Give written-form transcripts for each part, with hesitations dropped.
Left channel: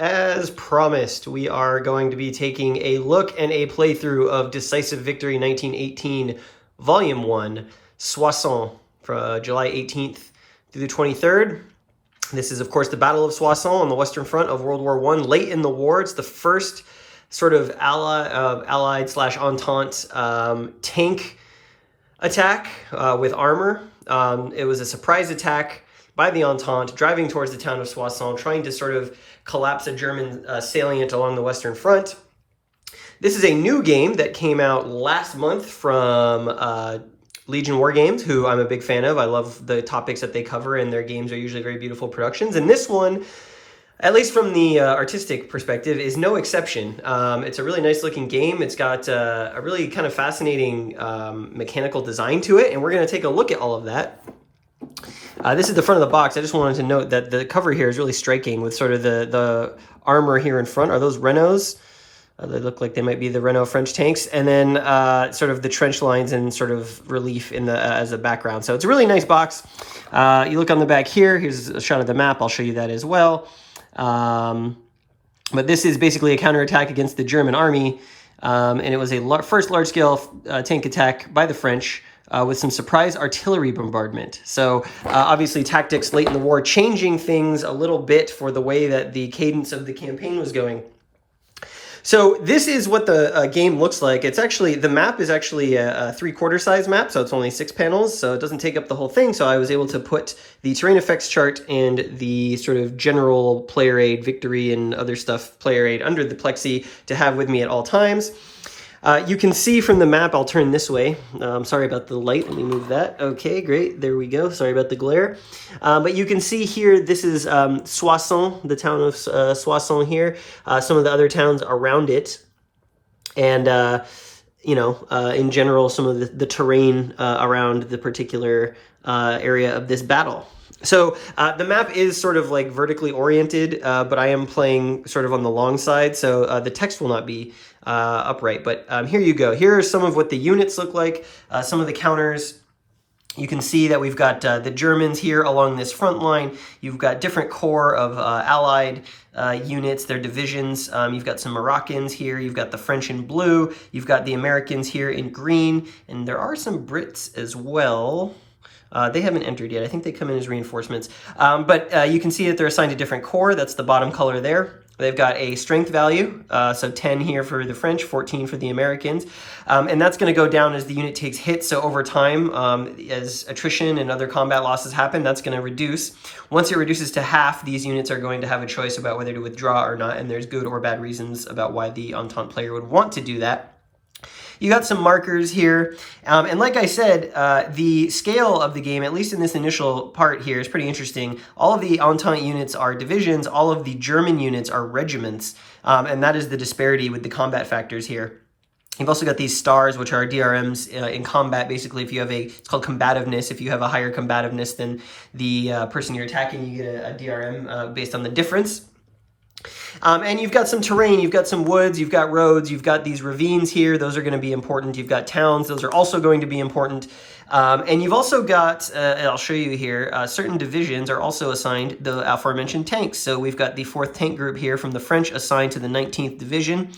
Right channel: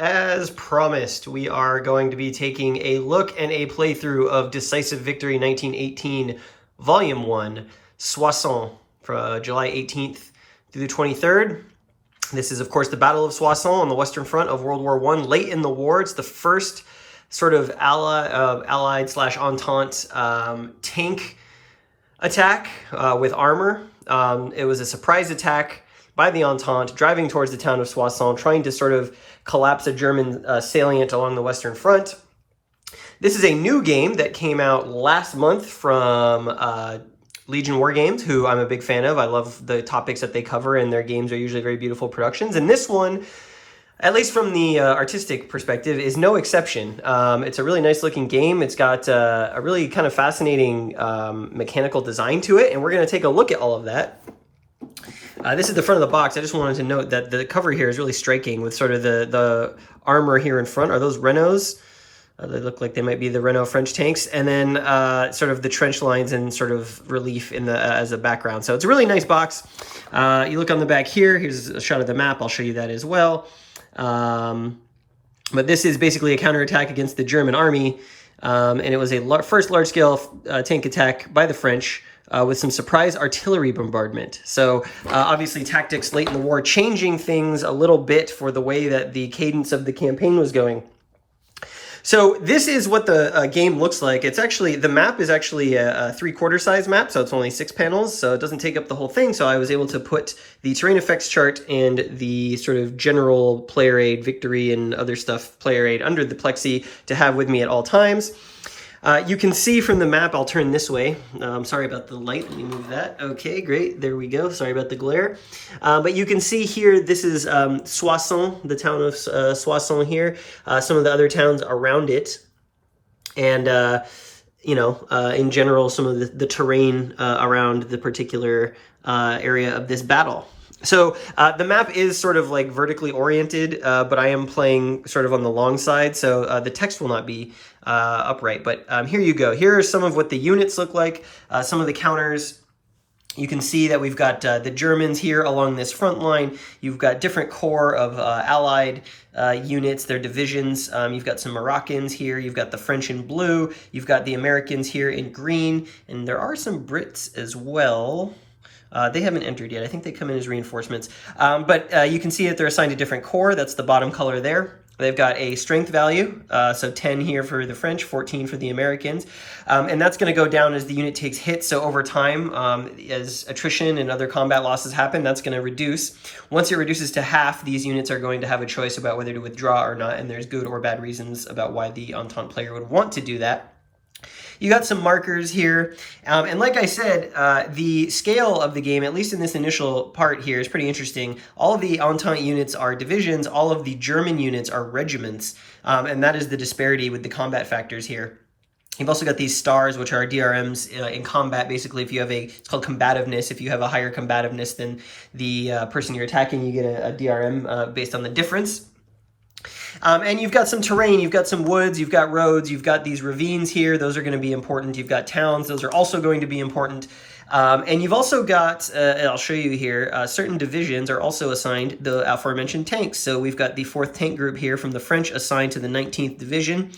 As promised, we are going to be taking a look and a playthrough of Decisive Victory 1918, Volume 1, Soissons, from July 18th through the 23rd. This is, of course, the Battle of Soissons on the Western Front of World War I. Late in the war, it's the first sort of Allied/Entente tank attack with armor. It was a surprise attack by the Entente, driving towards the town of Soissons, trying to sort of collapse a German salient along the Western Front. This is a new game that came out last month from Legion Wargames, who I'm a big fan of. I love the topics that they cover, and their games are usually very beautiful productions. And this one, at least from the artistic perspective, is no exception. It's a really nice looking game. It's got a really kind of fascinating mechanical design to it, and we're going to take a look at all of that. This is the front of the box. I just wanted to note that the cover here is really striking with sort of the armor here in front. Are those Renaults? They look like they might be the Renault French tanks. And then sort of the trench lines and sort of relief in the as a background. So it's a really nice box. You look on the back here. Here's a shot of the map. I'll show you that as well. But this is basically a counterattack against the German army. And it was a first large-scale tank attack by the French with some surprise artillery bombardment. So obviously tactics late in the war, changing things a little bit for the way that the cadence of the campaign was going. So this is what the game looks like. It's actually, the map is actually a 3/4 size map, so it's only 6 panels, so it doesn't take up the whole thing. So I was able to put the terrain effects chart and the sort of general player aid, victory and other stuff, player aid under the plexi to have with me at all times. You can see from the map, I'll turn this way. Sorry about the light, let me move that. Okay, great, there we go. Sorry about the glare. But you can see here, this is Soissons, the town of Soissons here. Some of the other towns around it. And, in general, some of the terrain around the particular area of this battle. So the map is sort of like vertically oriented, but I am playing sort of on the long side, so the text will not be upright. But here you go. Here are some of what the units look like, some of the counters. You can see that we've got the Germans here along this front line. You've got different corps of Allied units, their divisions. You've got some Moroccans here. You've got the French in blue. You've got the Americans here in green. And there are some Brits as well. They haven't entered yet. I think they come in as reinforcements. But you can see that they're assigned a different corps. That's the bottom color there. They've got a strength value, so 10 here for the French, 14 for the Americans. And that's going to go down as the unit takes hits. So over time, as attrition and other combat losses happen, that's going to reduce. Once it reduces to half, these units are going to have a choice about whether to withdraw or not. And there's good or bad reasons about why the Entente player would want to do that. You got some markers here, and like I said, the scale of the game, at least in this initial part here, is pretty interesting. All of the Entente units are divisions, all of the German units are regiments, and that is the disparity with the combat factors here. You've also got these stars, which are DRMs in combat. Basically, if you have it's called combativeness. If you have a higher combativeness than the person you're attacking, you get a DRM based on the difference. And you've got some terrain, you've got some woods, you've got roads, you've got these ravines here. Those are going to be important. You've got towns. Those are also going to be important. And you've also got, I'll show you here, certain divisions are also assigned the aforementioned tanks. So we've got the 4th Tank Group here from the French assigned to the 19th Division.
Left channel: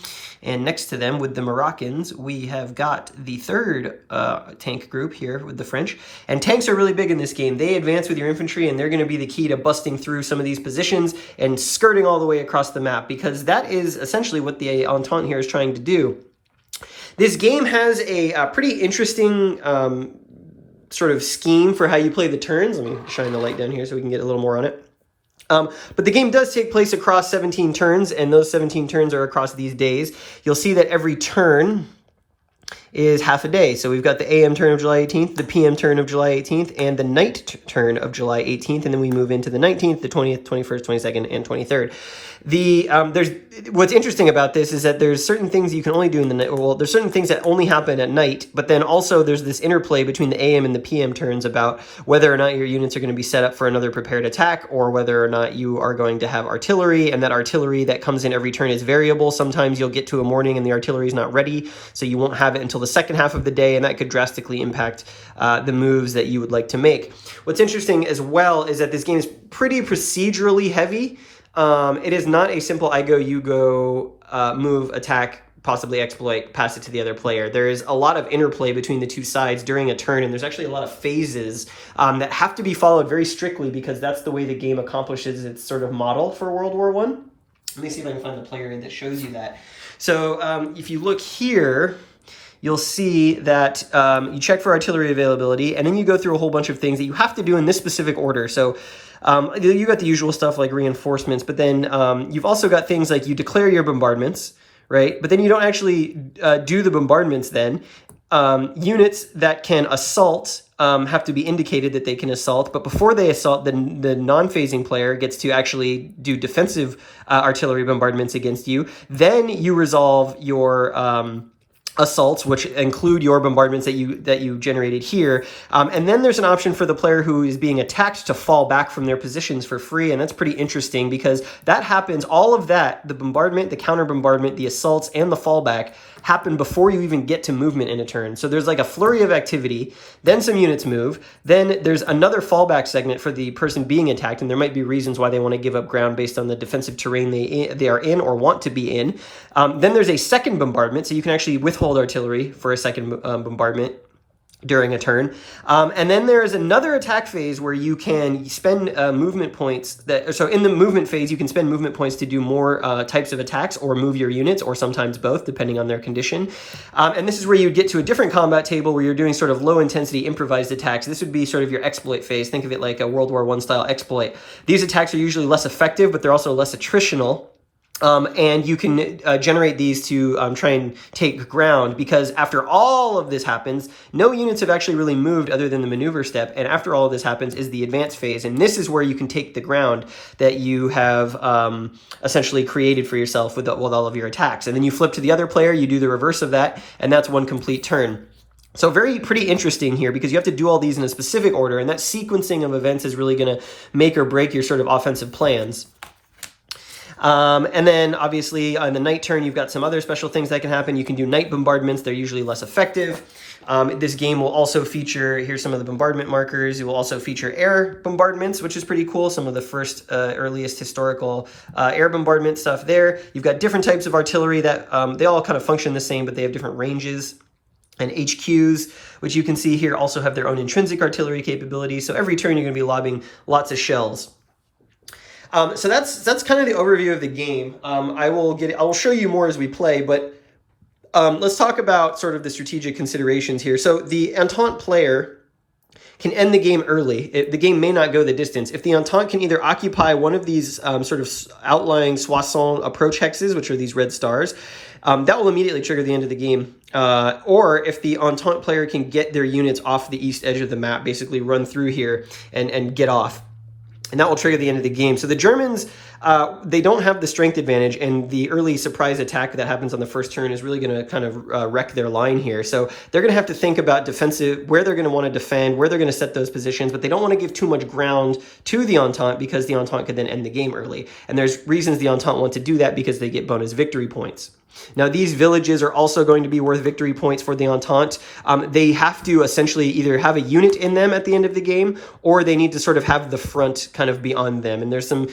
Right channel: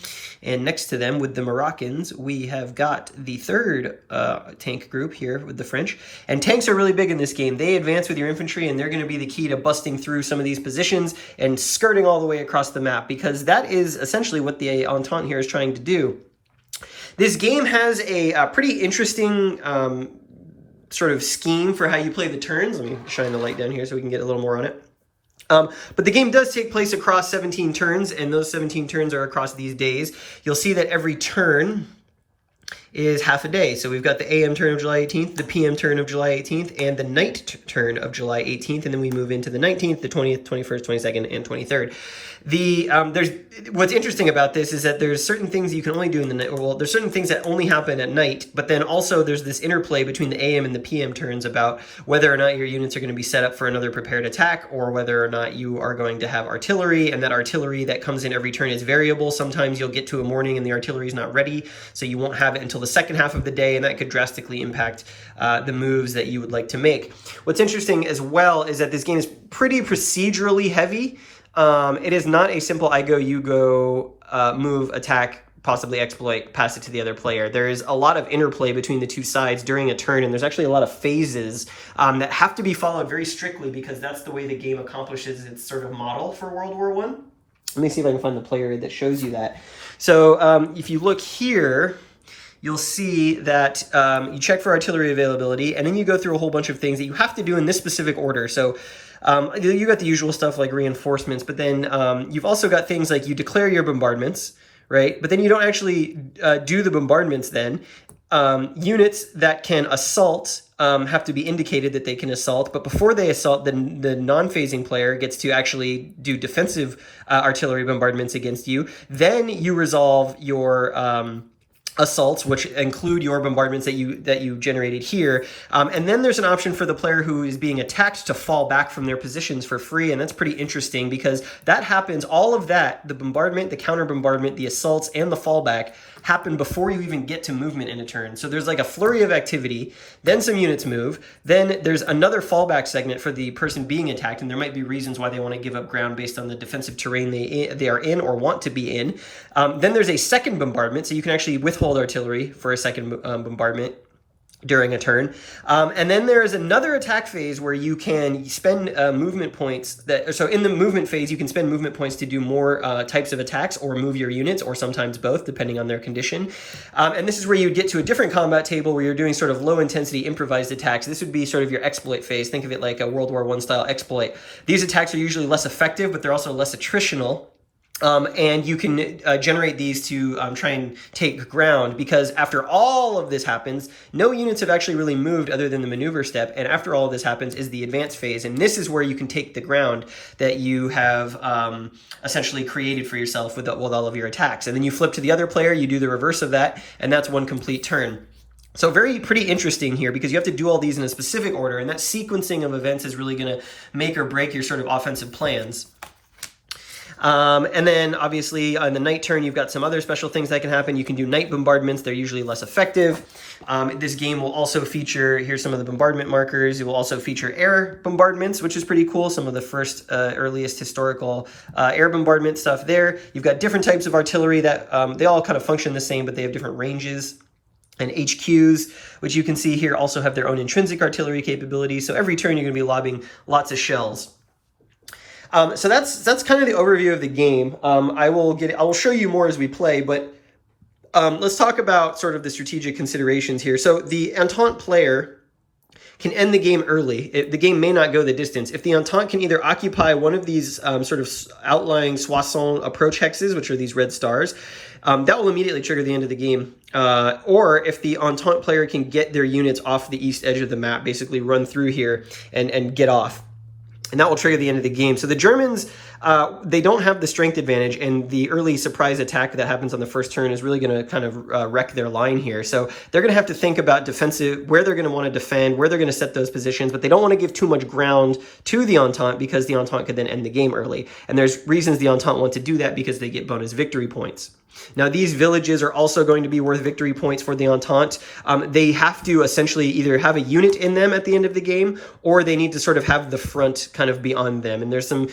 And next to them with the Moroccans, we have got the 3rd Tank Group here with the French. And tanks are really big in this game. They advance with your infantry, and they're going to be the key to busting through some of these positions and skirting all the way across the map, because that is essentially what the Entente here is trying to do. This game has a pretty interesting sort of scheme for how you play the turns. Let me shine the light down here so we can get a little more on it. But the game does take place across 17 turns, and those 17 turns are across these days. You'll see that every turn is half a day. So we've got the AM turn of July 18th, the PM turn of July 18th, and the night turn of July 18th, and then we move into the 19th, the 20th, 21st, 22nd, and 23rd. What's interesting about this is that there's certain things you can only do in the night. Well, there's certain things that only happen at night, but then also there's this interplay between the AM and the PM turns about whether or not your units are going to be set up for another prepared attack, or whether or not you are going to have artillery, and that artillery that comes in every turn is variable. Sometimes you'll get to a morning and the artillery is not ready, so you won't have it until the second half of the day, and that could drastically impact the moves that you would like to make. What's interesting as well is that this game is pretty procedurally heavy. It is not a simple I go, you go, move, attack, possibly exploit, pass it to the other player. There is a lot of interplay between the two sides during a turn, and there's actually a lot of phases that have to be followed very strictly because that's the way the game accomplishes its sort of model for World War I. Let me see if I can find the player that shows you that. So if you look here, you'll see that you check for artillery availability, and then you go through a whole bunch of things that you have to do in this specific order. So you got the usual stuff like reinforcements, but then you've also got things like you declare your bombardments, right? But then you don't actually do the bombardments then. Units that can assault have to be indicated that they can assault, but before they assault, the non-phasing player gets to actually do defensive artillery bombardments against you. Then you resolve your assaults, which include your bombardments that you generated here. And then there's an option for the player who is being attacked to fall back from their positions for free. And that's pretty interesting because that happens, all of that, the bombardment, the counter bombardment, the assaults, and the fallback happen before you even get to movement in a turn. So there's like a flurry of activity, then some units move, then there's another fallback segment for the person being attacked, and there might be reasons why they want to give up ground based on the defensive terrain they are in or want to be in. Then there's a second bombardment, so you can actually withhold artillery for a second bombardment during a turn. And then there is another attack phase where you can spend movement points. So in the movement phase, you can spend movement points to do more types of attacks or move your units, or sometimes both, depending on their condition. And this is where you get to a different combat table where you're doing sort of low-intensity improvised attacks. This would be sort of your exploit phase. Think of it like a World War I style exploit. These attacks are usually less effective, but they're also less attritional. And you can generate these to try and take ground, because after all of this happens, no units have actually really moved other than the maneuver step. And after all of this happens is the advance phase. And this is where you can take the ground that you have essentially created for yourself with all of your attacks. And then you flip to the other player, you do the reverse of that, and that's one complete turn. So pretty interesting here because you have to do all these in a specific order, and that sequencing of events is really going to make or break your sort of offensive plans. And then obviously on the night turn, you've got some other special things that can happen. You can do night bombardments. They're usually less effective. This game will also feature, here's some of the bombardment markers. It will also feature air bombardments, which is pretty cool. Some of the first, earliest historical air bombardment stuff there. You've got different types of artillery that they all kind of function the same, but they have different ranges. And HQs, which you can see here, also have their own intrinsic artillery capability. So every turn you're going to be lobbing lots of shells. So that's kind of the overview of the game. I will show you more as we play, but let's talk about sort of the strategic considerations here. So the Entente player can end the game early. The game may not go the distance. If the Entente can either occupy one of these sort of outlying Soissons approach hexes, which are these red stars, that will immediately trigger the end of the game. Or if the Entente player can get their units off the east edge of the map, basically run through here and get off. And that will trigger the end of the game. So the Germans, they don't have the strength advantage, and the early surprise attack that happens on the first turn is really going to kind of wreck their line here. So they're going to have to think about defensive, where they're going to want to defend, where they're going to set those positions, but they don't want to give too much ground to the Entente because the Entente could then end the game early. And there's reasons the Entente want to do that because they get bonus victory points. Now, these villages are also going to be worth victory points for the Entente. They have to essentially either have a unit in them at the end of the game, or they need to sort of have the front kind of be on them. And there's some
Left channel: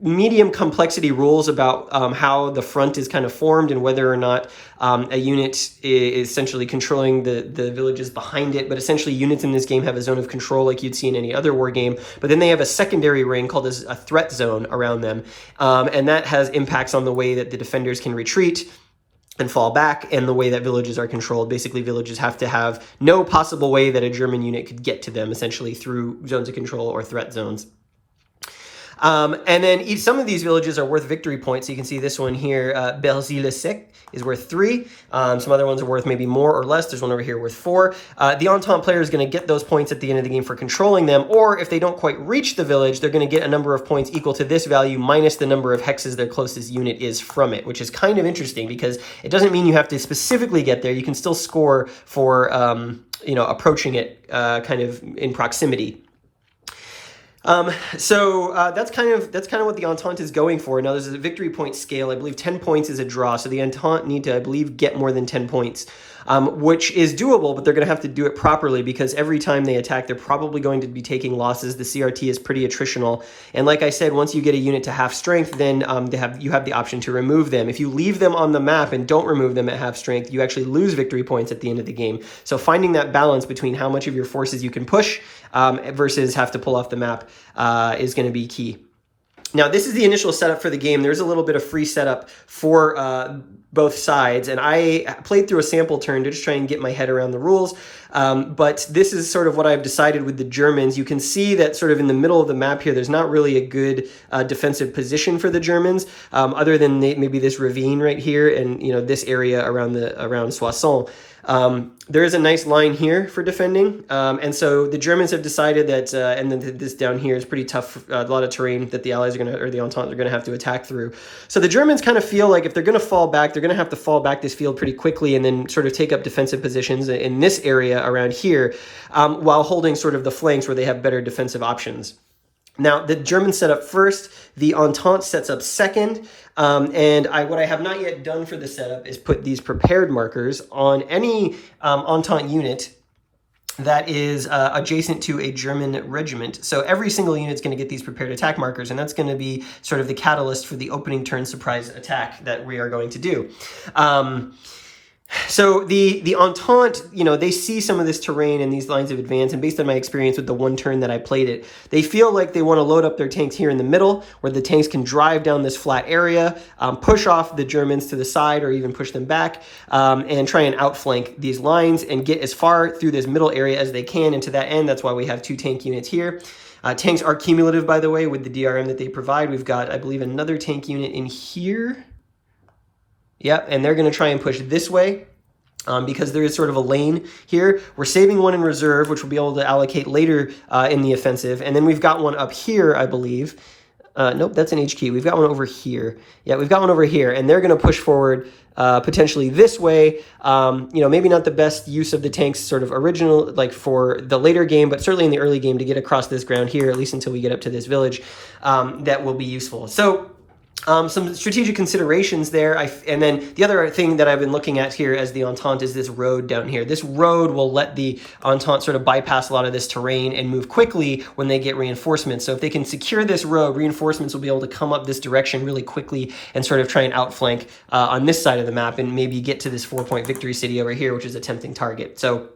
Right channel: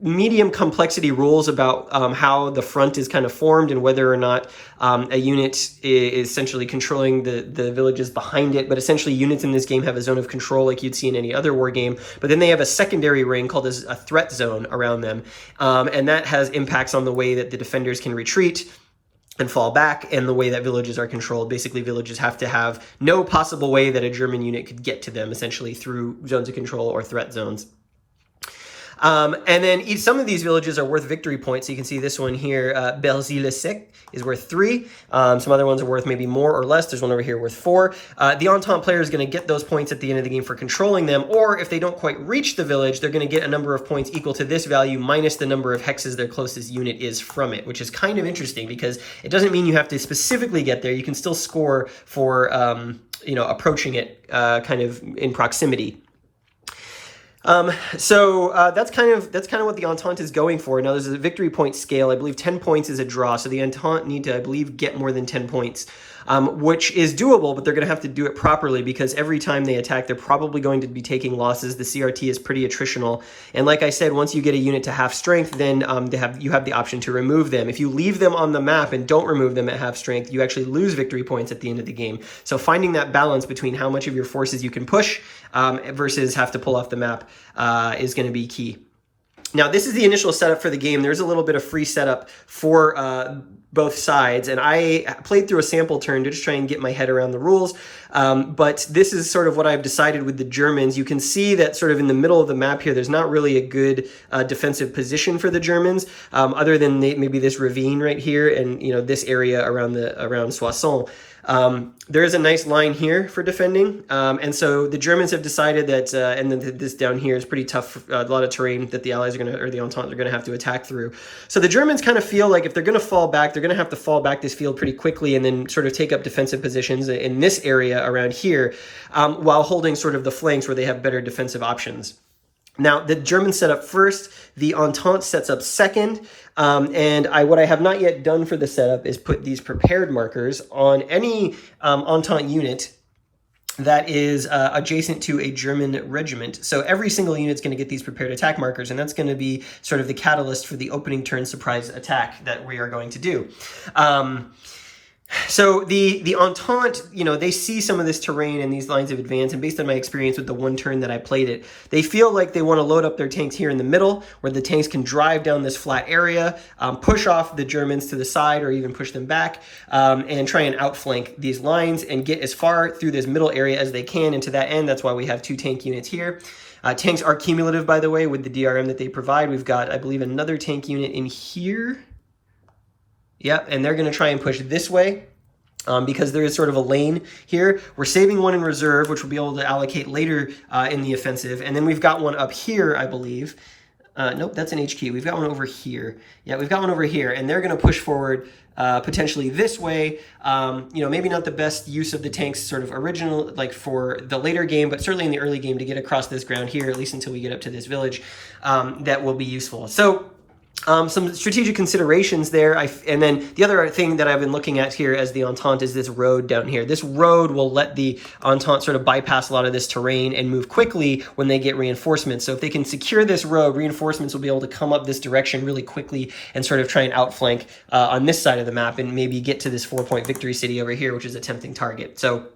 medium complexity rules about how the front is kind of formed and whether or not a unit is essentially controlling the villages behind it. But essentially, units in this game have a zone of control like you'd see in any other war game. But then they have a secondary ring called a threat zone around them. And that has impacts on the way that the defenders can retreat and fall back, and the way that villages are controlled. Basically, villages have to have no possible way that a German unit could get to them, essentially through zones of control or threat zones. And then some of these villages are worth victory points. So you can see this one here, Berzy-le-Sec, is worth 3. Some other ones are worth maybe more or less. There's one over here worth 4. The Entente player is going to get those points at the end of the game for controlling them, or if they don't quite reach the village, they're going to get a number of points equal to this value minus the number of hexes their closest unit is from it, which is kind of interesting because it doesn't mean you have to specifically get there. You can still score for, approaching it kind of in proximity. That's kind of what the Entente is going for. Now there's a victory point scale. I believe 10 points is a draw, so the Entente need to, I believe, get more than 10 points, which is doable, but they're going to have to do it properly because every time they attack, they're probably going to be taking losses. The CRT is pretty attritional, and like I said, once you get a unit to half strength, then you have the option to remove them. If you leave them on the map and don't remove them at half strength, you actually lose victory points at the end of the game. So finding that balance between how much of your forces you can push versus have to pull off the map is going to be key. Now, this is the initial setup for the game. There's a little bit of free setup for both sides, and I played through a sample turn to just try and get my head around the rules, but this is sort of what I've decided with the Germans. You can see that sort of in the middle of the map here, there's not really a good defensive position for the Germans, other than maybe this ravine right here and this area around Soissons. There is a nice line here for defending, and so the Germans have decided that, and then this down here is pretty tough, a lot of terrain that the Allies or the Entente are going to have to attack through. So the Germans kind of feel like if they're going to fall back, they're going to have to fall back this field pretty quickly and then sort of take up defensive positions in this area around here, while holding sort of the flanks where they have better defensive options. Now, the Germans set up first, the Entente sets up second, and what I have not yet done for the setup is put these prepared markers on any Entente unit that is adjacent to a German regiment. So every single unit is going to get these prepared attack markers, and that's going to be sort of the catalyst for the opening turn surprise attack that we are going to do. So the Entente, they see some of this terrain and these lines of advance, and based on my experience with the one turn that I played it, they feel like they want to load up their tanks here in the middle, where the tanks can drive down this flat area, push off the Germans to the side or even push them back, and try and outflank these lines and get as far through this middle area as they can. And to that end, that's why we have 2 tank units here. Tanks are cumulative, by the way, with the DRM that they provide. We've got, I believe, another tank unit in here. Yep, and they're going to try and push this way because there is sort of a lane here. We're saving one in reserve, which we'll be able to allocate later in the offensive. And then we've got one up here, I believe. Nope, that's an HQ. We've got one over here. Yeah, we've got one over here, and they're going to push forward potentially this way. Maybe not the best use of the tanks sort of original, like for the later game, but certainly in the early game to get across this ground here, at least until we get up to this village, that will be useful. So some strategic considerations there. And then the other thing that I've been looking at here as the Entente is this road down here. This road will let the Entente sort of bypass a lot of this terrain and move quickly when they get reinforcements. So if they can secure this road, reinforcements will be able to come up this direction really quickly and sort of try and outflank on this side of the map and maybe get to this 4-point victory city over here, which is a tempting target. So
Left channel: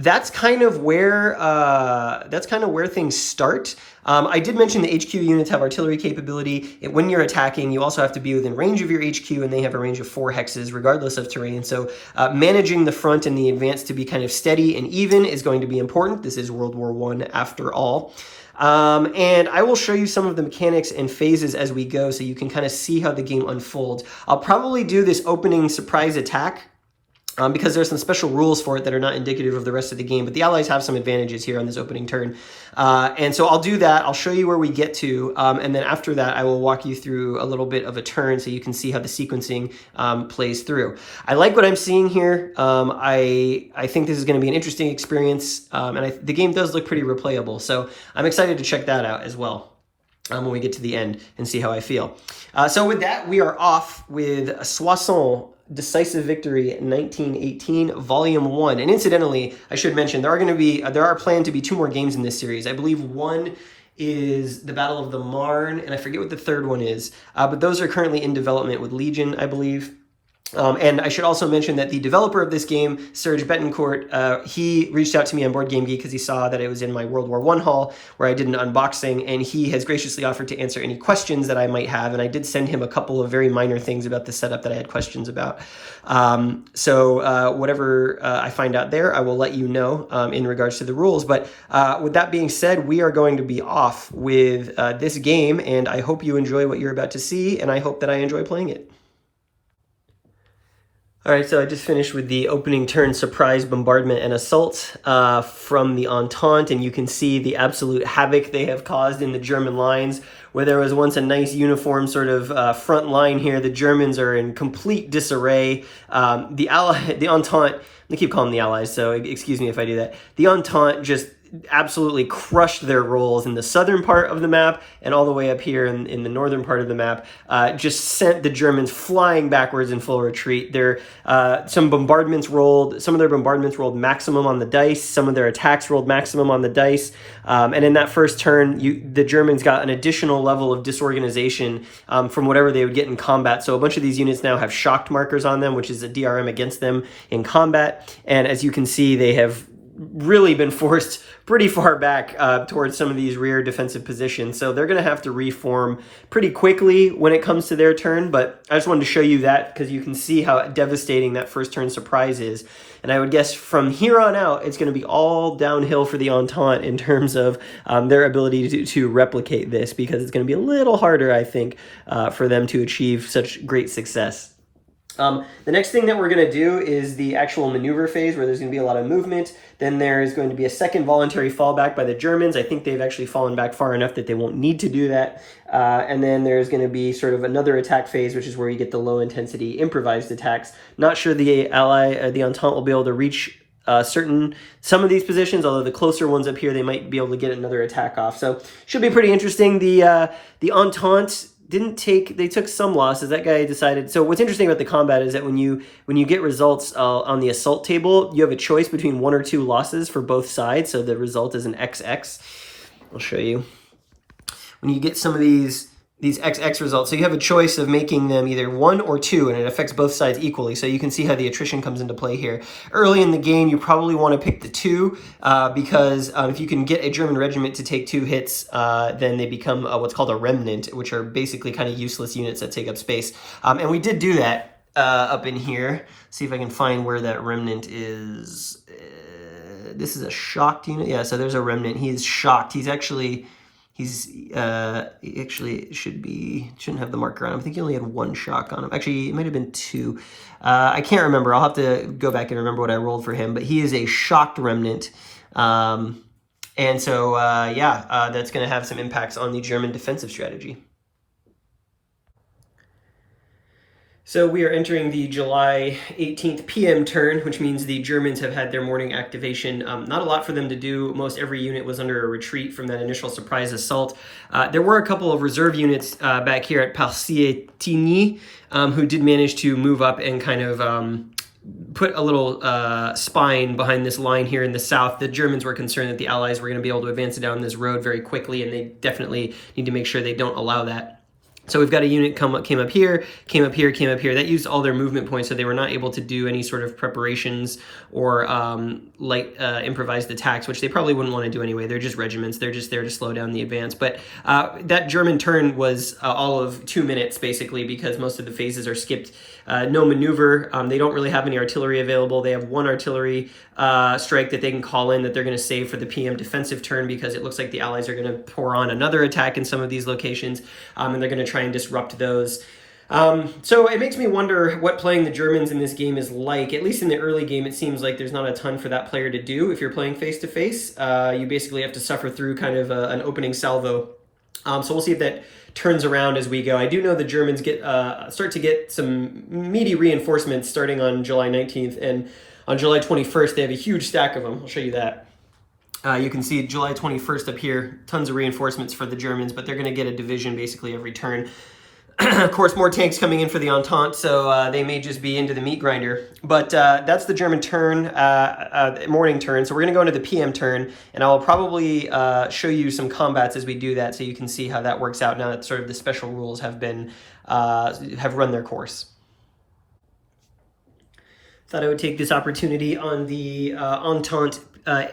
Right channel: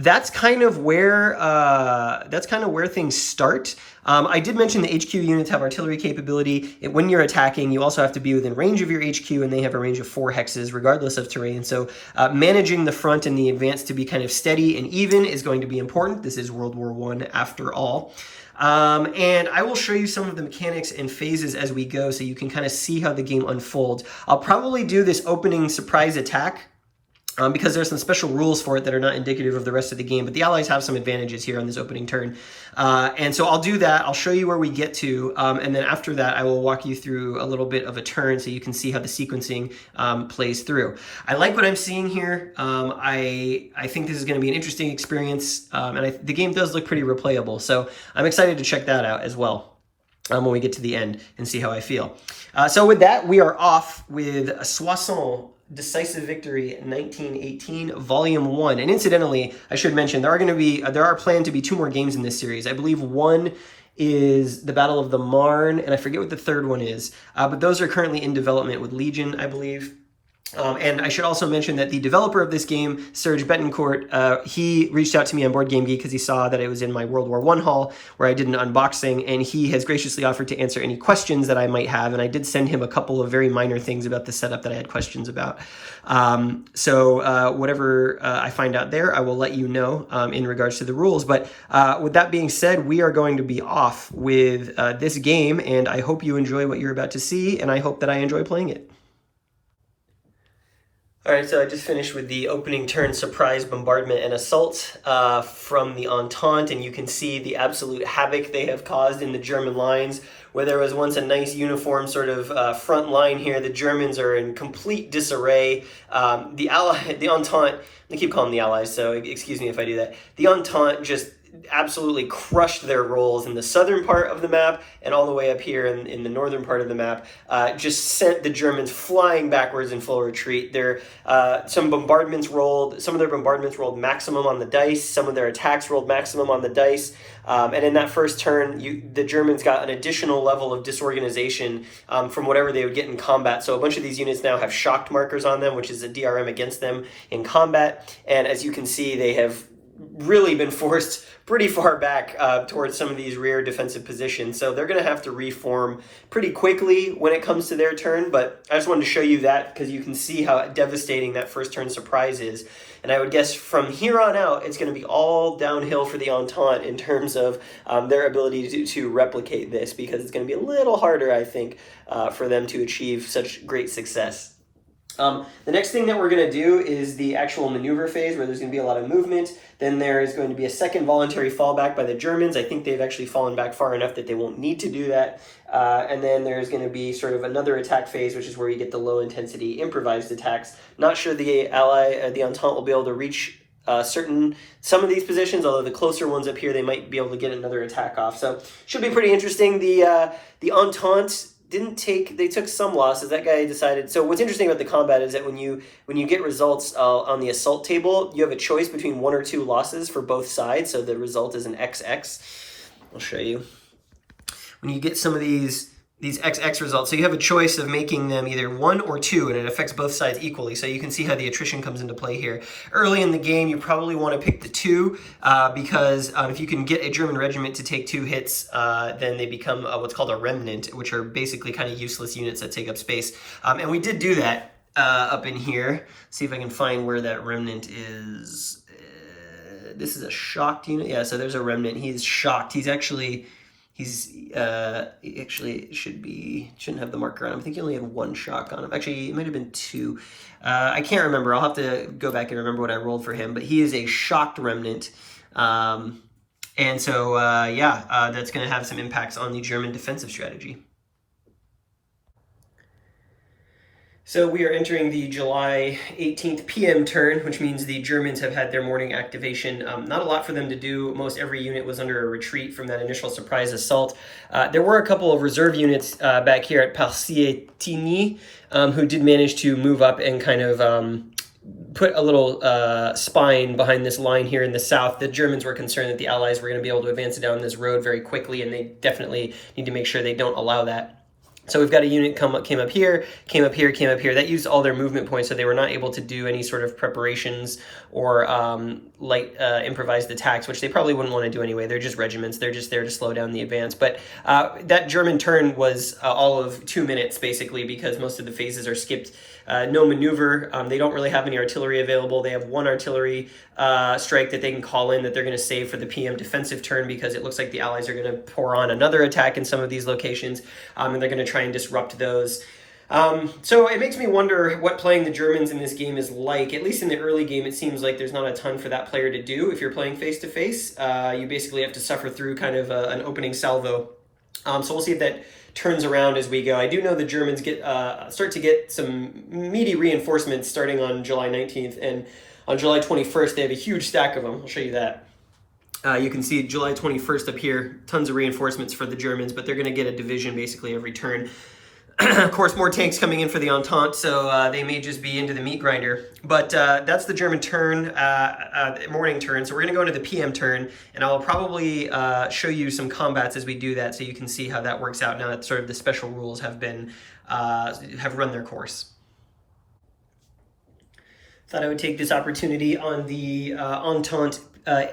that's kind of where things start. I did mention the HQ units have artillery capability. When you're attacking, you also have to be within range of your HQ, and they have a range of 4 hexes regardless of terrain. So managing the front and the advance to be kind of steady and even is going to be important. This is World War I after all. And I will show you some of the mechanics and phases as we go so you can kind of see how the game unfolds. I'll probably do this opening surprise attack because there's some special rules for it that are not indicative of the rest of the game, but the Allies have some advantages here on this opening turn. And so I'll do that. I'll show you where we get to, and then after that, I will walk you through a little bit of a turn so you can see how the sequencing plays through. I like what I'm seeing here. I think this is going to be an interesting experience, and the game does look pretty replayable, so I'm excited to check that out as well when we get to the end and see how I feel. So with that, we are off with Soissons, Decisive Victory 1918, Volume 1. And incidentally, I should mention, there are planned to be 2 more games in this series. I believe one is the Battle of the Marne, and I forget what the third one is. But those are currently in development with Legion, I believe. And I should also mention that the developer of this game, Serge Betancourt, he reached out to me on Board Game Geek because he saw that it was in my World War I haul where I did an unboxing, and he has graciously offered to answer any questions that I might have, and I did send him a couple of very minor things about the setup that I had questions about. So whatever I find out there, I will let you know in regards to the rules. But with that being said, we are going to be off with this game, and I hope you enjoy what you're about to see, and I hope that I enjoy playing it. All right, so I just finished with the opening turn surprise bombardment and assault from the Entente, and you can see the absolute havoc they have caused in the German lines. Where there was once a nice uniform sort of front line here, the Germans are in complete disarray. The Entente, I keep calling them the Allies, so excuse me if I do that. The Entente just absolutely crushed their rolls in the southern part of the map and all the way up here in the northern part of the map. Just sent the Germans flying backwards in full retreat. Some of their bombardments rolled maximum on the dice. Some of their attacks rolled maximum on the dice. And in that first turn, the Germans got an additional level of disorganization from whatever they would get in combat. So a bunch of these units now have shocked markers on them, which is a DRM against them in combat. And as you can see, they have really been forced pretty far back towards some of these rear defensive positions. So they're going to have to reform pretty quickly when it comes to their turn. But I just wanted to show you that because you can see how devastating that first turn surprise is. And I would guess from here on out, it's going to be all downhill for the Entente in terms of their ability to replicate this, because it's going to be a little harder, I think, for them to achieve such great success. The next thing that we're going to do is the actual maneuver phase, where there's going to be a lot of movement. Then there's going to be a second voluntary fallback by the Germans. I think they've actually fallen back far enough that they won't need to do that. And then there's going to be sort of another attack phase, which is where you get the low intensity improvised attacks. Not sure the Entente will be able to reach some of these positions, although the closer ones up here, they might be able to get another attack off. So should be pretty interesting. The Entente they took some losses. That guy decided. So what's interesting about the combat is that when you get results on the assault table, you have a choice between 1 or 2 losses for both sides. So the result is an XX. I'll show you. When you get some of these XX results, so you have a choice of making them either 1 or 2, and it affects both sides equally. So you can see how the attrition comes into play here. Early in the game, you probably want to pick the 2 because if you can get a German regiment to take 2 hits, then they become what's called a remnant, which are basically kind of useless units that take up space. And we did do that up in here. See if I can find where that remnant is. This is a shocked unit. Yeah, so there's a remnant. He's shocked. He actually shouldn't have the marker on him. I think he only had 1 shock on him. Actually, it might have been 2. I can't remember. I'll have to go back and remember what I rolled for him. But he is a shocked remnant. And so, that's going to have some impacts on the German defensive strategy. So we are entering the July 18th PM turn, which means the Germans have had their morning activation. Not a lot for them to do. Most every unit was under a retreat from that initial surprise assault. There were a couple of reserve units back here at Parcietigny who did manage to move up and kind of put a little spine behind this line here in the south. The Germans were concerned that the Allies were going to be able to advance down this road very quickly, and they definitely need to make sure they don't allow that. So we've got a unit came up here. That used all their movement points, so they were not able to do any sort of preparations or light improvised attacks, which they probably wouldn't want to do anyway. They're just regiments. They're just there to slow down the advance. But that German turn was all of 2 minutes, basically, because most of the phases are skipped. No maneuver. They don't really have any artillery available. They have 1 artillery strike that they can call in that they're going to save for the PM defensive turn, because it looks like the Allies are going to pour on another attack in some of these locations, and they're going to try and disrupt those. So it makes me wonder what playing the Germans in this game is like. At least in the early game, it seems like there's not a ton for that player to do if you're playing face-to-face. You basically have to suffer through kind of an opening salvo. So we'll see if that turns around as we go. I do know the Germans start to get some meaty reinforcements starting on July 19th, and on July 21st, they have a huge stack of them. I'll show you that. You can see July 21st up here, tons of reinforcements for the Germans, but they're going to get a division basically every turn. Of course, more tanks coming in for the Entente, so they may just be into the meat grinder. But that's the German turn, morning turn. So we're going to go into the PM turn, and I'll probably show you some combats as we do that, so you can see how that works out now that sort of the special rules have run their course. Thought I would take this opportunity on the Entente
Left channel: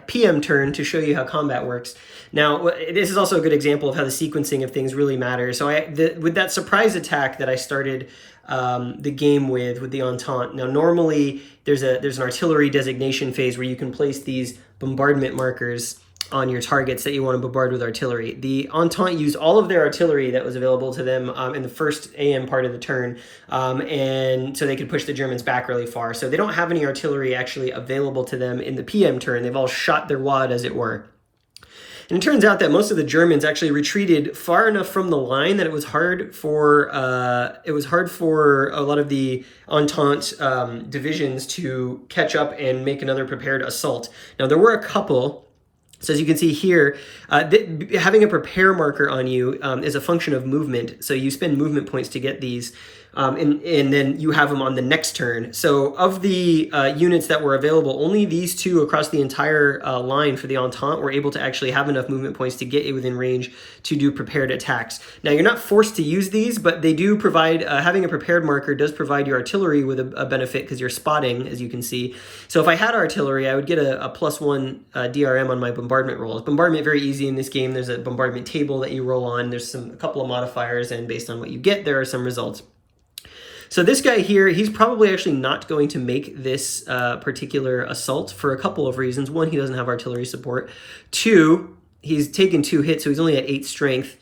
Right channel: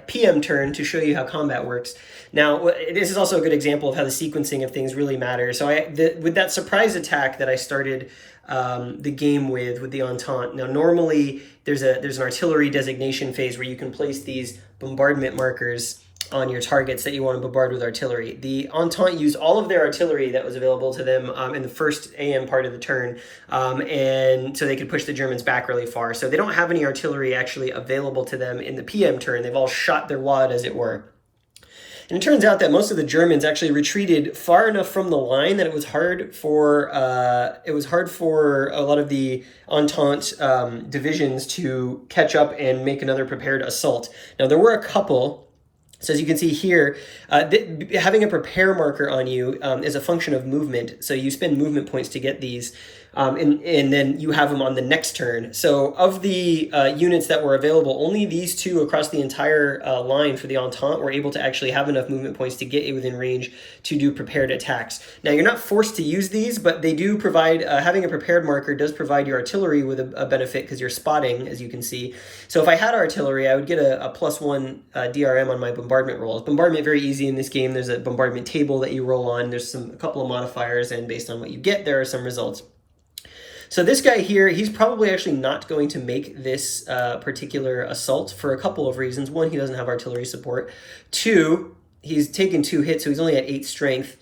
PM turn to show you how combat works. Now, this is also a good example of how the sequencing of things really matters. So with that surprise attack that I started the game with the Entente, now normally there's an artillery designation phase where you can place these bombardment markers on your targets that you want to bombard with artillery. The Entente used all of their artillery that was available to them in the first AM part of the turn, and so they could push the Germans back really far. So they don't have any artillery actually available to them in the PM turn. They've all shot their wad, as it were. And it turns out that most of the Germans actually retreated far enough from the line that it was hard for a lot of the Entente divisions to catch up and make another prepared assault. Now, there were a couple. So as you can see here, having a prepare marker on you is a function of movement. So you spend movement points to get these, and then you have them on the next turn. So of the units that were available, only these two across the entire line for the Entente were able to actually have enough movement points to get within range to do prepared attacks. Now, you're not forced to use these, but they do provide, having a prepared marker does provide your artillery with a benefit because you're spotting, as you can see. So if I had artillery, I would get a +1 DRM on my bombardment rolls. Bombardment, very easy in this game. There's a bombardment table that you roll on. There's a couple of modifiers, and based on what you get, there are some results. So this guy here, he's probably actually not going to make this particular assault for a couple of reasons. One, he doesn't have artillery support. Two, he's taken 2 hits, so he's only at 8 strength.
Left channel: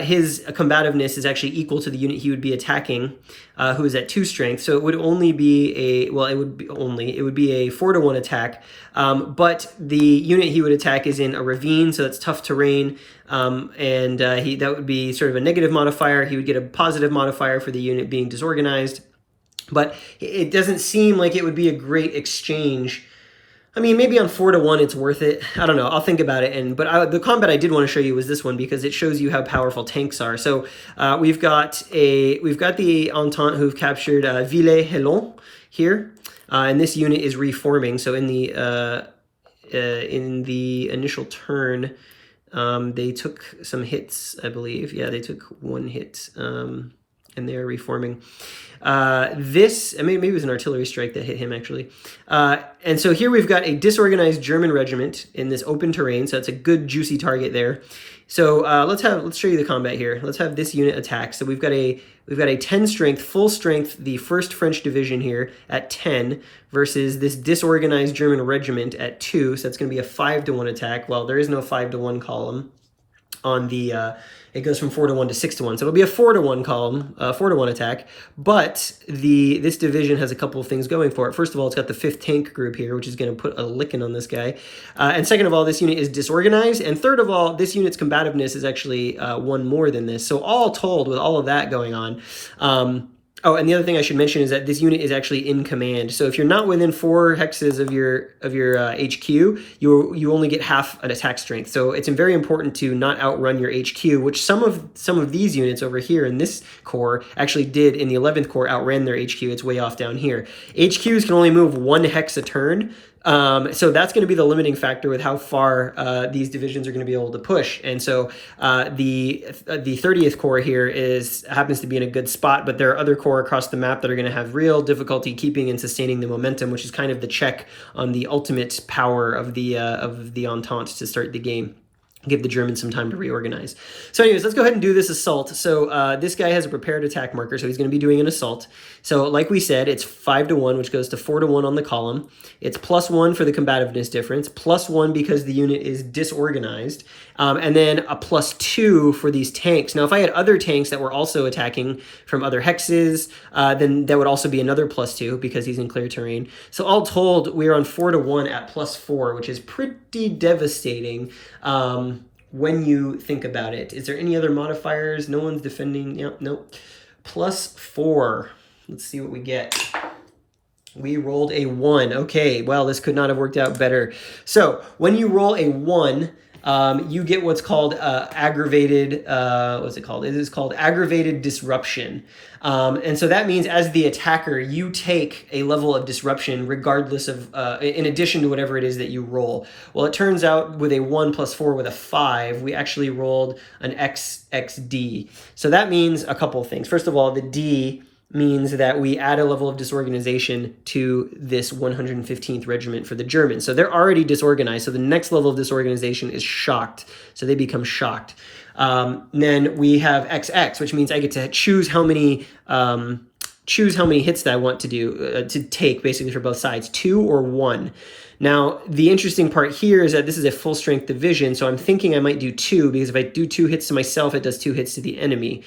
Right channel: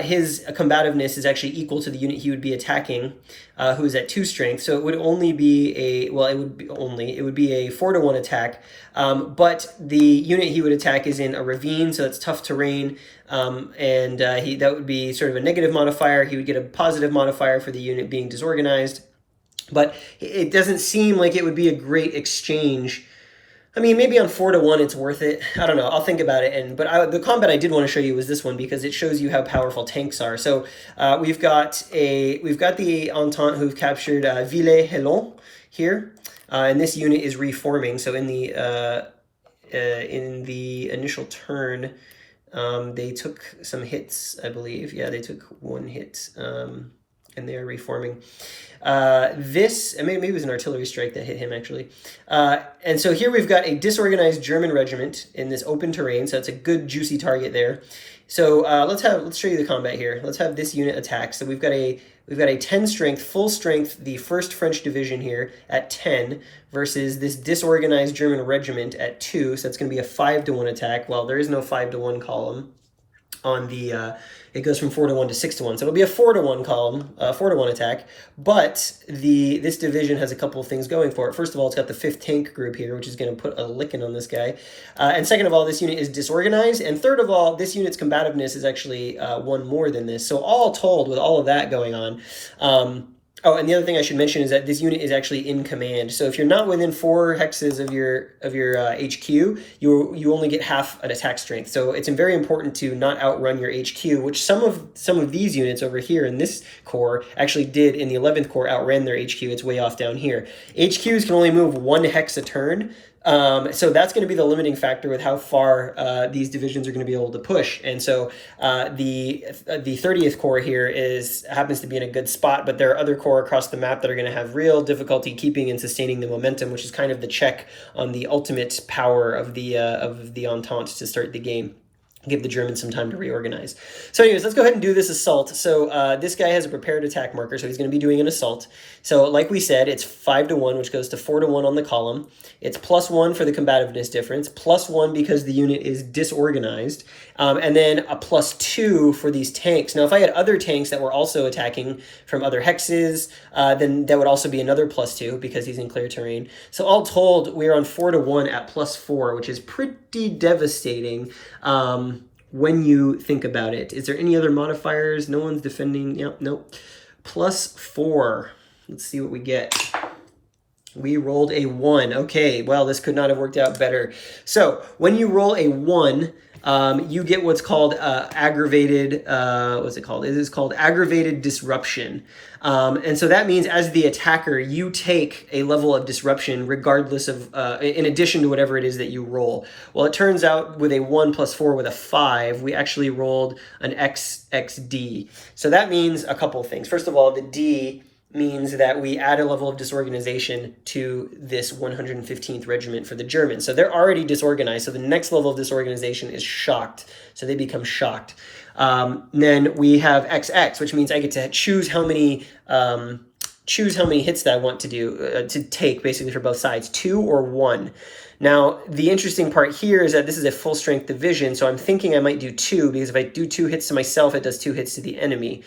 His combativeness is actually equal to the unit he would be attacking, who is at 2 strength. So it would only be a, well, it would be a 4-to-1 attack. But the unit he would attack is in a ravine, so that's tough terrain. That would be sort of a negative modifier. He would get a positive modifier for the unit being disorganized. But it doesn't seem like it would be a great exchange. I mean, maybe on 4-to-1 it's worth it. I don't know. I'll think about it. But the combat I did want to show you was this one because it shows you how powerful tanks are. So we've got the Entente who've captured Villers-Hellon here, and this unit is reforming. So in the initial turn, they took some hits, I believe. Yeah, they took 1 hit, and they're reforming. Maybe it was an artillery strike that hit him, actually. And so here we've got a disorganized German regiment in this open terrain, so that's a good, juicy target there. So let's show you the combat here. Let's have this unit attack. So we've got a 10 strength, full strength, the 1st French division here at 10 versus this disorganized German regiment at 2. So that's going to be a 5-to-1 attack. Well, there is no 5-to-1 column on the, it goes from 4-to-1 to 6-to-1. So it'll be a 4-to-1 column, 4-to-1 attack. But this division has a couple of things going for it. First of all, it's got the 5th tank group here, which is going to put a licking on this guy. And second of all, this unit is disorganized. And third of all, this unit's combativeness is actually 1 more than this. So all told, with all of that going on, oh, and the other thing I should mention is that this unit is actually in command. So if you're not within 4 hexes of your HQ, you only get half an attack strength. So it's very important to not outrun your HQ, which some of these units over here in this corps actually did in the 11th Corps, outran their HQ. It's way off down here. HQs can only move 1 hex a turn. So that's going to be the limiting factor with how far these divisions are going to be able to push. And so the 30th Corps here happens to be in a good spot, but there are other corps across the map that are going to have real difficulty keeping and sustaining the momentum, which is kind of the check on the ultimate power of the Entente to start the game. Give the Germans some time to reorganize. So anyways, let's go ahead and do this assault. So this guy has a prepared attack marker, so he's going to be doing an assault. So like we said, it's 5-to-1, which goes to 4-to-1 on the column. It's +1 for the combativeness difference, +1 because the unit is disorganized, and then a +2 for these tanks. Now, if I had other tanks that were also attacking from other hexes, then that would also be another +2 because he's in clear terrain. So all told, we're on 4-to-1 at +4, which is pretty devastating. When you think about it. Is there any other modifiers? No one's defending. Yep, nope. +4. Let's see what we get. We rolled a 1. Okay, well, this could not have worked out better. So when you roll a 1, you get what's called aggravated, what's it called? It is called aggravated disruption. And so that means as the attacker, you take a level of disruption regardless of, in addition to whatever it is that you roll. Well, it turns out with a 1 + 4 with a 5, we actually rolled an XD. So that means a couple of things. First of all, the D means that we add a level of disorganization to this 115th Regiment for the Germans. So they're already disorganized. So the next level of disorganization is shocked. So they become shocked. Then we have XX, which means I get to choose how many hits that I want to do, to take basically for both sides, 2 or 1. Now, the interesting part here is that this is a full strength division. So I'm thinking I might do 2 because if I do 2 hits to myself, it does 2 hits to the enemy.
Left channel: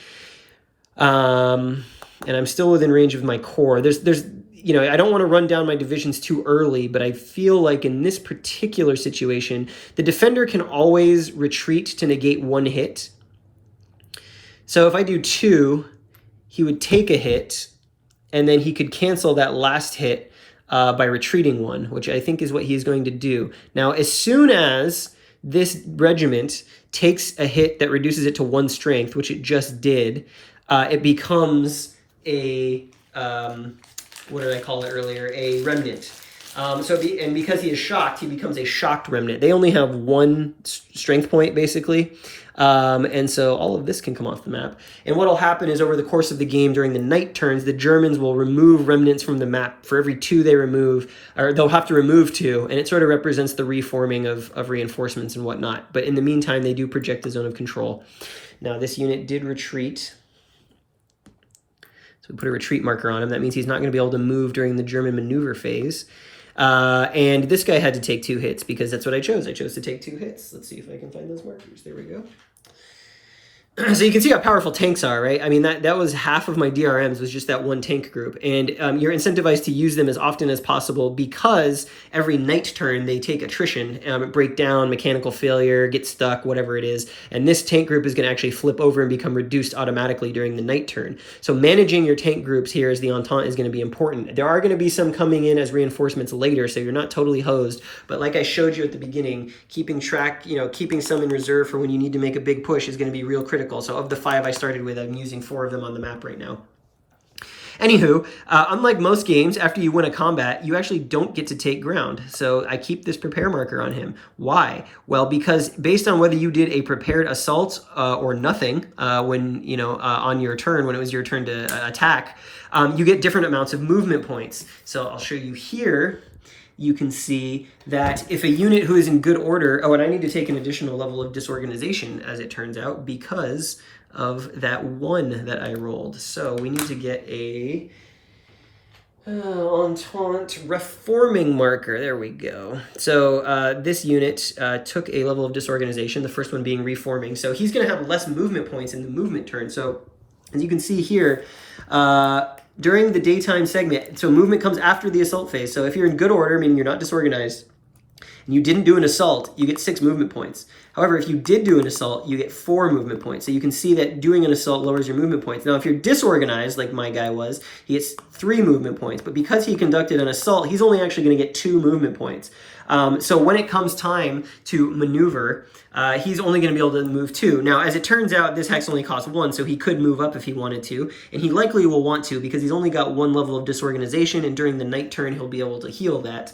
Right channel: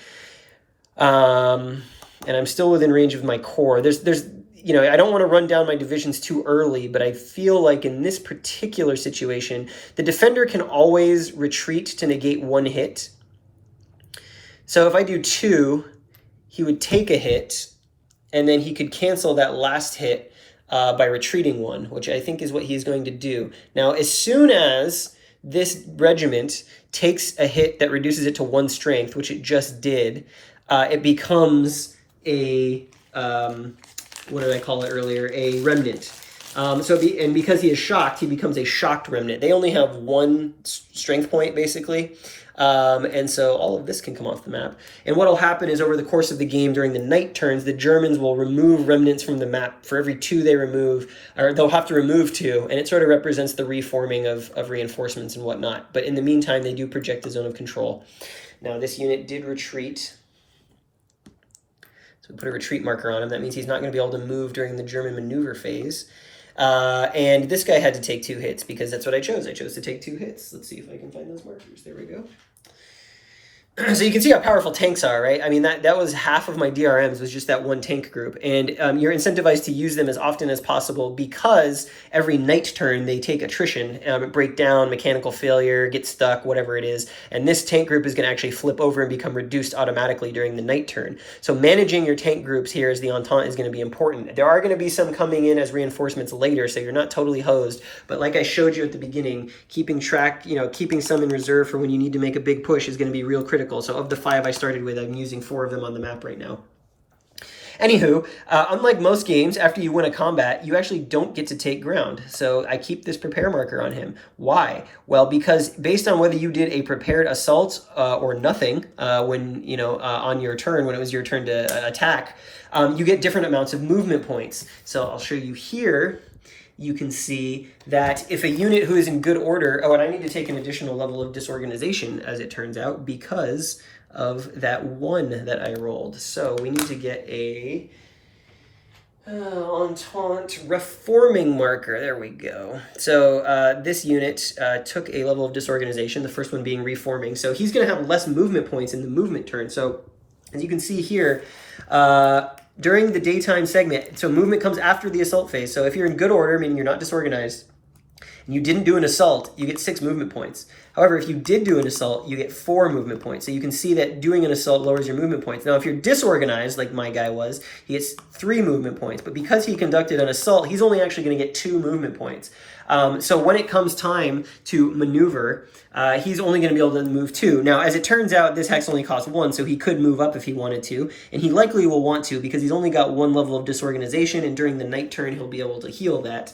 And I'm still within range of my core. There's, you know, I don't want to run down my divisions too early, but I feel like in this particular situation, the defender can always retreat to negate 1 hit. So if I do 2, he would take a hit, and then he could cancel that last hit by retreating 1, which I think is what he's going to do. Now, as soon as this regiment takes a hit that reduces it to 1 strength, which it just did, it becomes a, what did I call it earlier? A remnant. And because he is shocked, he becomes a shocked remnant. They only have 1 strength point, basically. And so all of this can come off the map. And what will happen is over the course of the game during the night turns, the Germans will remove remnants from the map. For every 2 they remove, or they'll have to remove 2, and it sort of represents the reforming of reinforcements and whatnot. But in the meantime, they do project the zone of control. Now, this unit did retreat. So we put a retreat marker on him. That means he's not going to be able to move during the German maneuver phase. And this guy had to take 2 hits because that's what I chose. I chose to take 2 hits. Let's see if I can find those markers. There we go. So you can see how powerful tanks are, right? I mean, that was half of my DRMs was just that 1 tank group. And you're incentivized to use them as often as possible because every night turn they take attrition, break down, mechanical failure, get stuck, whatever it is. And this tank group is going to actually flip over and become reduced automatically during the night turn. So managing your tank groups here as the Entente is going to be important. There are going to be some coming in as reinforcements later, so you're not totally hosed. But like I showed you at the beginning, keeping track, keeping some in reserve for when you need to make a big push is going to be real critical. So of the 5 I started with, I'm using 4 of them on the map right now. Anywho, unlike most games, after you win a combat, you actually don't get to take ground. So I keep this prepare marker on him. Why? Well, because based on whether you did a prepared assault or nothing when, on your turn, when it was your turn to attack, you get different amounts of movement points. So I'll show you here. You can see that if a unit who is in good order, and I need to take an additional level of disorganization, as it turns out, because of that 1 that I rolled. So we need to get a Entente reforming marker. There we go. So this unit took a level of disorganization, the first one being reforming. So he's going to have less movement points in the movement turn. So as you can see here, during the daytime segment, so movement comes after the assault phase. So if you're in good order, meaning you're not disorganized, and you didn't do an assault, you get 6 movement points. However, if you did do an assault, you get 4 movement points. So you can see that doing an assault lowers your movement points. Now, if you're disorganized, like my guy was, he gets 3 movement points. But because he conducted an assault, he's only actually going to get 2 movement points. So when it comes time to maneuver, he's only going to be able to move 2. Now, as it turns out, this hex only costs 1, so he could move up if he wanted to, and he likely will want to because he's only got 1 level of disorganization, and during the night turn, he'll be able to heal that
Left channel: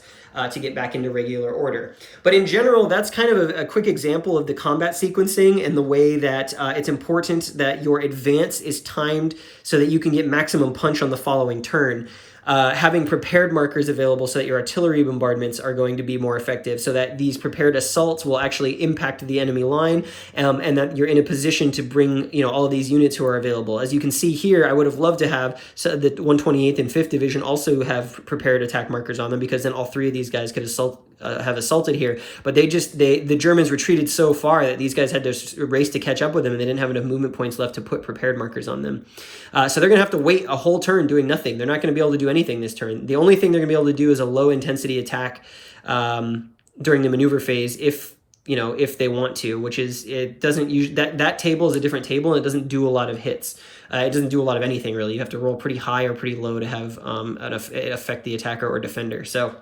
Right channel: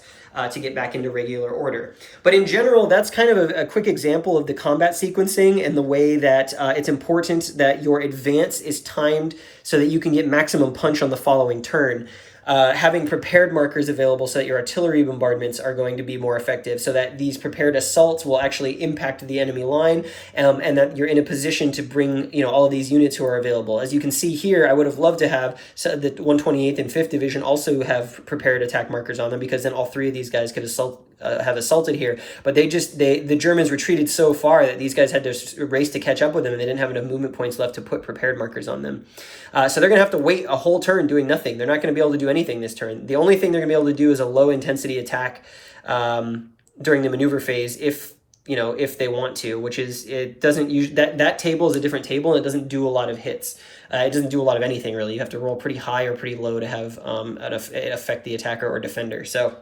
to get back into regular order. But in general, that's kind of a quick example of the combat sequencing and the way that it's important that your advance is timed so that you can get maximum punch on the following turn. Having prepared markers available so that your artillery bombardments are going to be more effective, so that these prepared assaults will actually impact the enemy line, and that you're in a position to bring all of these units who are available. As you can see here, I would have loved to have the 128th and 5th Division also have prepared attack markers on them, because then all 3 of these guys could have assaulted here. But the Germans retreated so far that these guys had to race to catch up with them, and they didn't have enough movement points left to put prepared markers on them. So they're going to have to wait a whole turn doing nothing. They're not going to be able to do anything this turn. The only thing they're going to be able to do is a low intensity attack during the maneuver phase if they want to, which is, it doesn't use that table is a different table, and it doesn't do a lot of hits. It doesn't do a lot of anything really. You have to roll pretty high or pretty low to have it affect the attacker or defender. So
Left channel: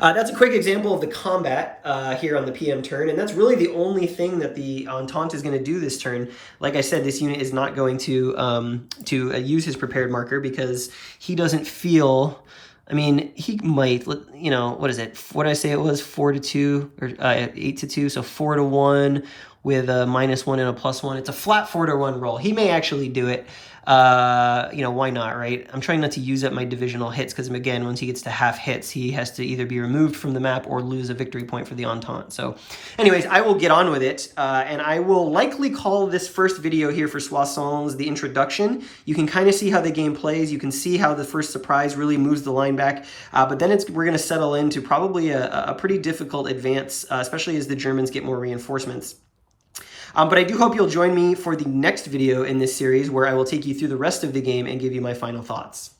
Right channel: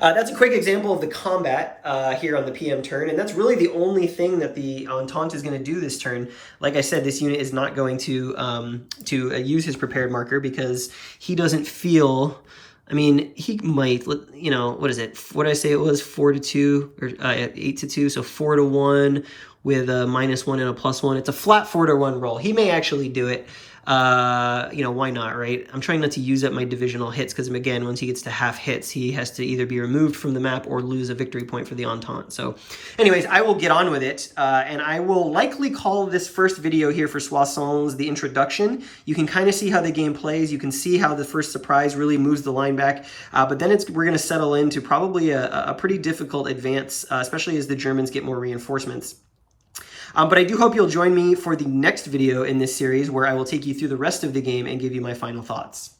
that's a quick example of the combat here on the PM turn, and that's really the only thing that the Entente is going to do this turn. Like I said, this unit is not going to use his prepared marker because he doesn't feel. I mean, he might. What is it? What did I say it was? 4-2 or 8-2? So 4-1 with a -1 and a +1. It's a flat 4-1 roll. He may actually do it. Why not, right? I'm trying not to use up my divisional hits because, again, once he gets to half hits, he has to either be removed from the map or lose a victory point for the Entente. So anyways, I will get on with it, and I will likely call this first video here for Soissons the introduction. You can kind of see how the game plays. You can see how the first surprise really moves the line back, but then we're going to settle into probably a pretty difficult advance, especially as the Germans get more reinforcements. But I do hope you'll join me for the next video in this series where I will take you through the rest of the game and give you my final thoughts.